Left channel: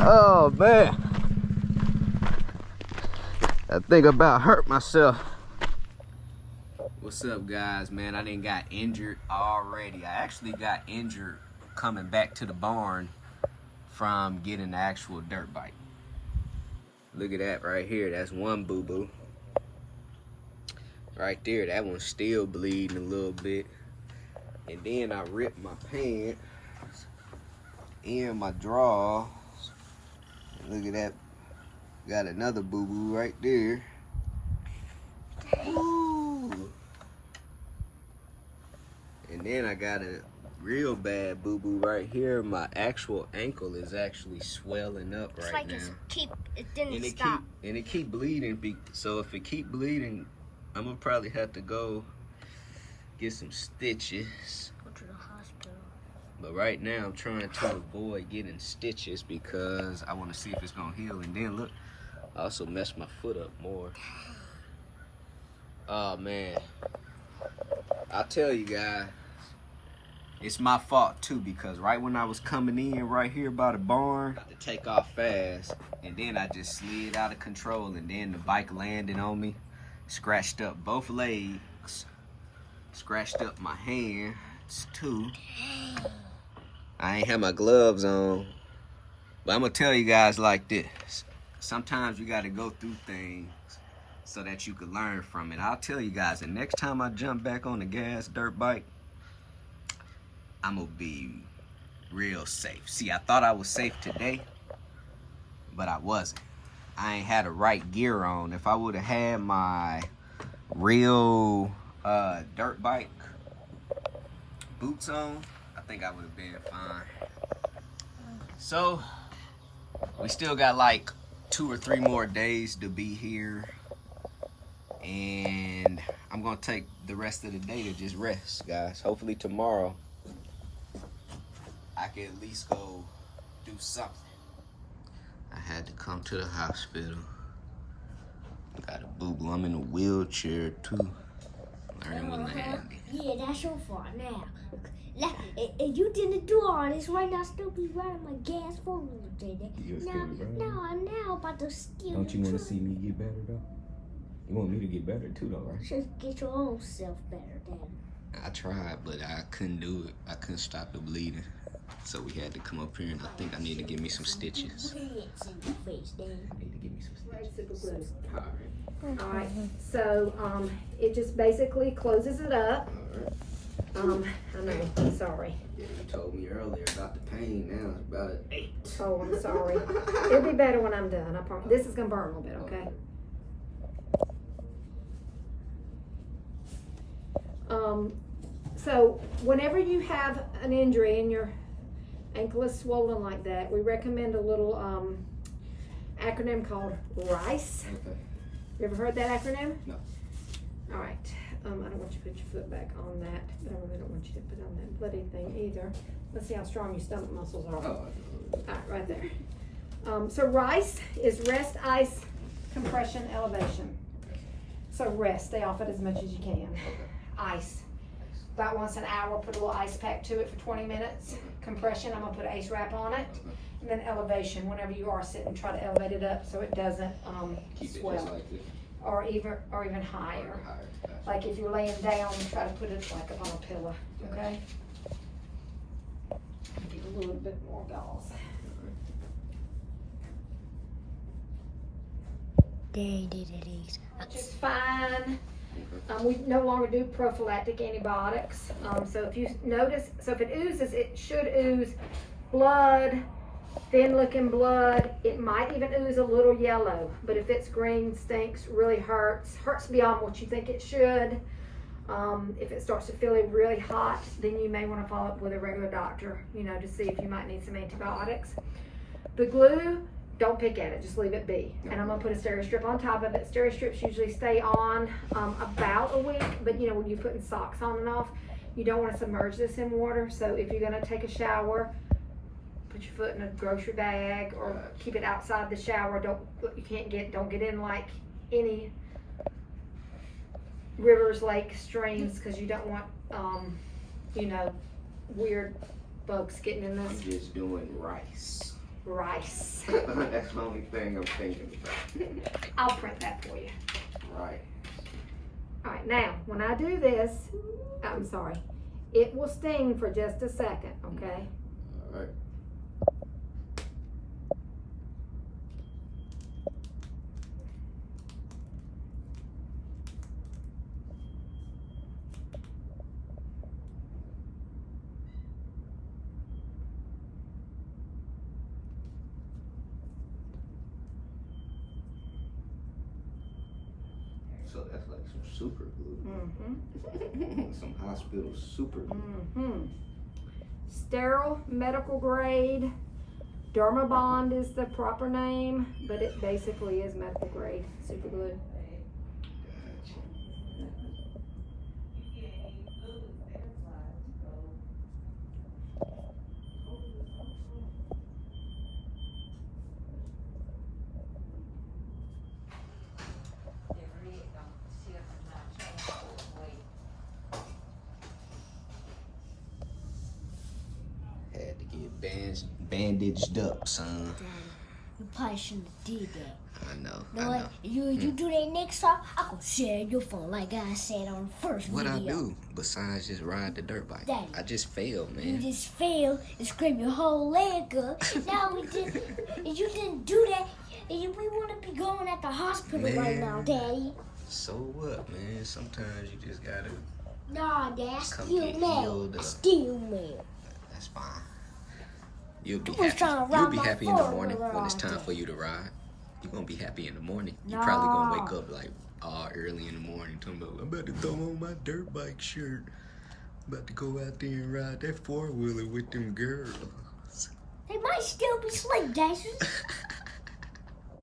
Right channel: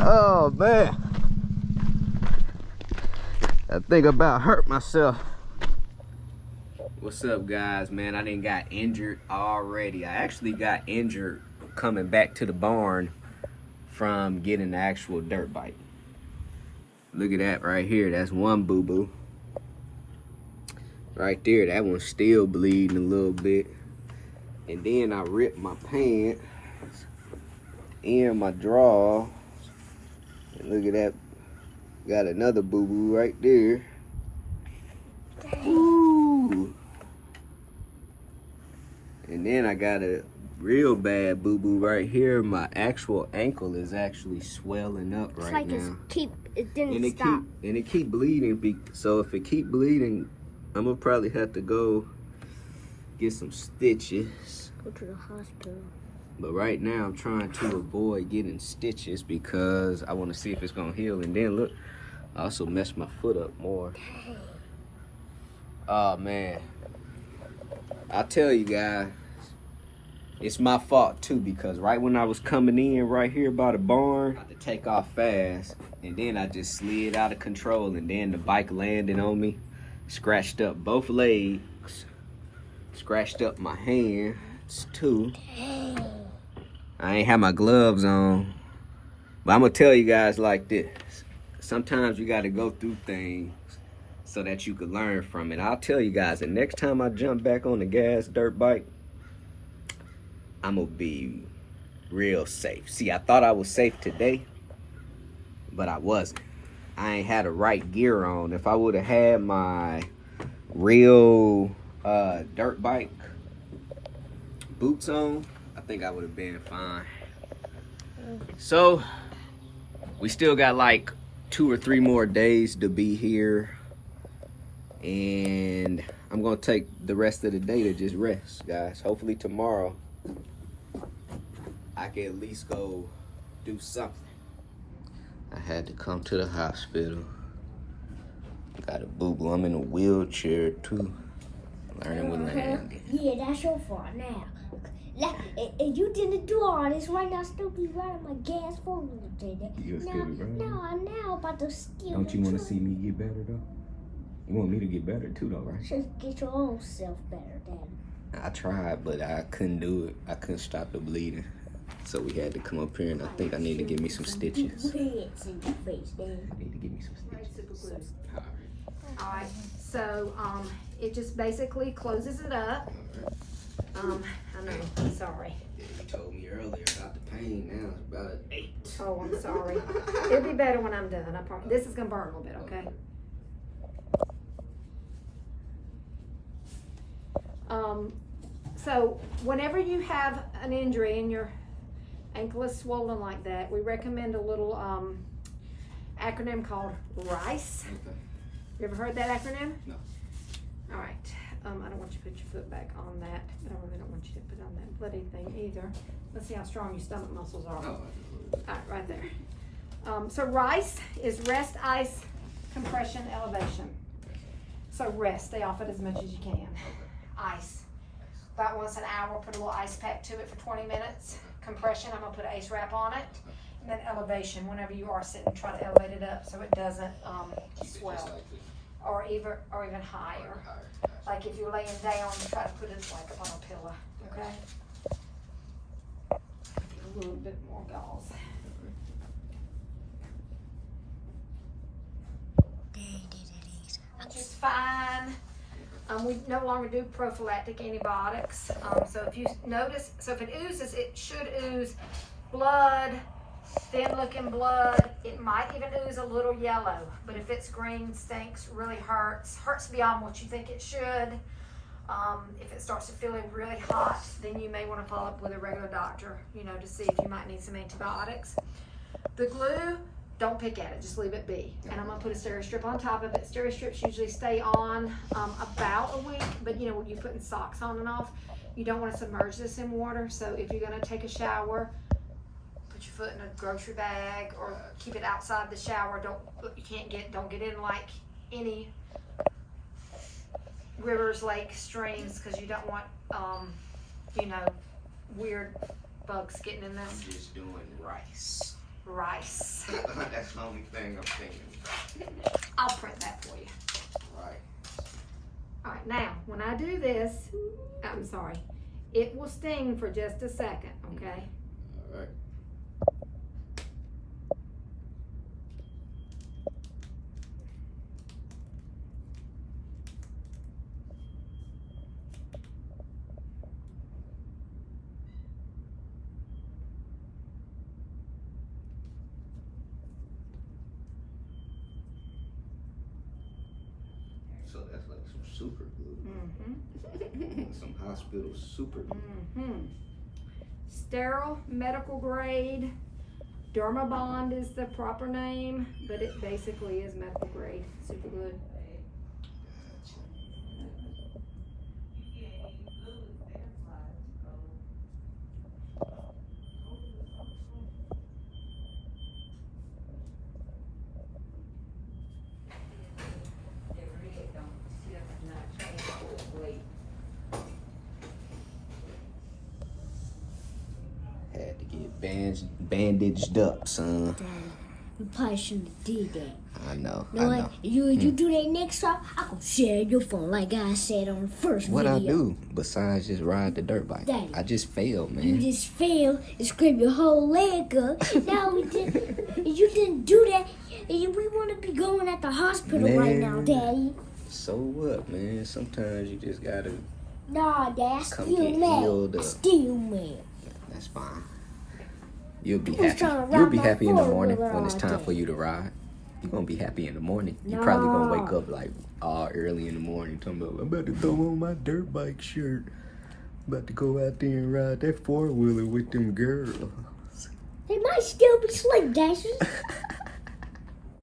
Oh man, I think about hurt myself. What's up, guys? Man, I done got injured already. I actually got injured coming back to the barn from getting the actual dirt bike. Look at that right here. That's one boo-boo. Right there, that one's still bleeding a little bit. And then I ripped my pants and my drawers. And look at that. Got another boo-boo right there. Woo! And then I got a real bad boo-boo right here. My actual ankle is actually swelling up right now. It didn't stop. It keep bleeding. So if it keep bleeding, I'm gonna probably have to go get some stitches. Go to the hospital. But right now I'm trying to avoid getting stitches because I want to see if it's gonna heal. And then look, I also messed my foot up more. Oh man, I'll tell you guys, it's my fault too, because right when I was coming in right here by the barn, I had to take off fast, and then I just slid out of control, and then the bike landed on me, scratched up both legs, scratched up my hands too. I ain't have my gloves on, but I'm gonna tell you guys like this. Sometimes you gotta go through things so that you can learn from it. I'll tell you guys, the next time I jump back on the gas dirt bike, I'm gonna be real safe. See, I thought I was safe today, but I wasn't. I ain't had the right gear on. If I would have had my real dirt bike boots on, I think I would have been fine. So, we still got like 2 or 3 more days to be here. And I'm gonna take the rest of the day to just rest, guys. Hopefully tomorrow, I can at least go do something. I had to come to the hospital. Got a boo-boo. I'm in a wheelchair too. Learning with landing. Yeah, that's your fault now. If you didn't do all this right now, still be riding my gas 4-wheeler today. Now about to steal. Don't you want to see me get better though? You want me to get better too though, right? Just get your own self better then. I tried, but I couldn't do it. I couldn't stop the bleeding. So we had to come up here, and I think I need to give me some stitches. I need to give me some stitches. All right, so it just basically closes it up. I know, I'm sorry. Yeah, you told me earlier about the pain. Now it's about an 8. Oh, I'm sorry. It'll be better when I'm done. I promise. This is gonna burn a little bit, okay? So whenever you have an injury and your ankle is swollen like that, we recommend a little acronym called RICE. Okay. You ever heard that acronym? No. All right. I don't want you to put your foot back on that, but I really don't want you to put on that bloody thing either. Let's see how strong your stomach muscles are. Oh, all right, right there. So RICE is rest, ice, compression, elevation. So rest, stay off it as much as you can. Ice, about once an hour, put a little ice pack to it for 20 minutes. Compression, I'm gonna put an ice wrap on it. And then elevation, whenever you are sitting, try to elevate it up so it doesn't swell. Or even higher. Like if you're laying down, try to put it like on a pillow, okay? Get a little bit more gauze. Which is fine. We no longer do prophylactic antibiotics. So if you notice, so if it oozes, it should ooze blood, thin looking blood. It might even ooze a little yellow, but if it's green, stinks, really hurts beyond what you think it should. If it starts to feel really hot, then you may want to follow up with a regular doctor, to see if you might need some antibiotics. The glue, don't pick at it, just leave it be. And I'm gonna put a steri strip on top of it. Steri strips usually stay on about a week, but when you're putting socks on and off, you don't want to submerge this in water. So if you're gonna take a shower, put your foot in a grocery bag or keep it outside the shower. Don't get in like any rivers, lakes, streams, because you don't want weird bugs getting in I'm this just doing rice. rice. That's the only thing I'm thinking about. I'll print that for you. Right. All right, now, when I do this, I'm sorry, it will sting for just a second, okay? All right. So that's like some super glue. Mm-hmm. Some hospital super glue. Mm-hmm. Sterile, medical grade. Dermabond is the proper name, but it basically is medical grade super glue. Had to get bandaged up, son. Daddy, you probably shouldn't have did that. I know. You know I know. what? You do that next time, I gonna share your phone like I said on the first What I video. do besides just ride the dirt bike? Daddy. I just failed, You man. just failed and scraped your whole leg up. Now you didn't do that. We want to be going at the hospital right now, Man. Daddy. So what, man? Sometimes you just gotta. Nah, Dad, I Come still get healed mad. up. Still mad. That's fine. You'll be was happy. trying to You'll ride be my happy in the four-wheeler morning when it's all time day. for you to ride. You're gonna be happy in the morning. You're probably gonna wake Nah. up like all early in the morning talking about, I'm about to throw on my dirt bike shirt. I'm about to go out there and ride that 4-wheeler with them girls. They might still be sleep dancers.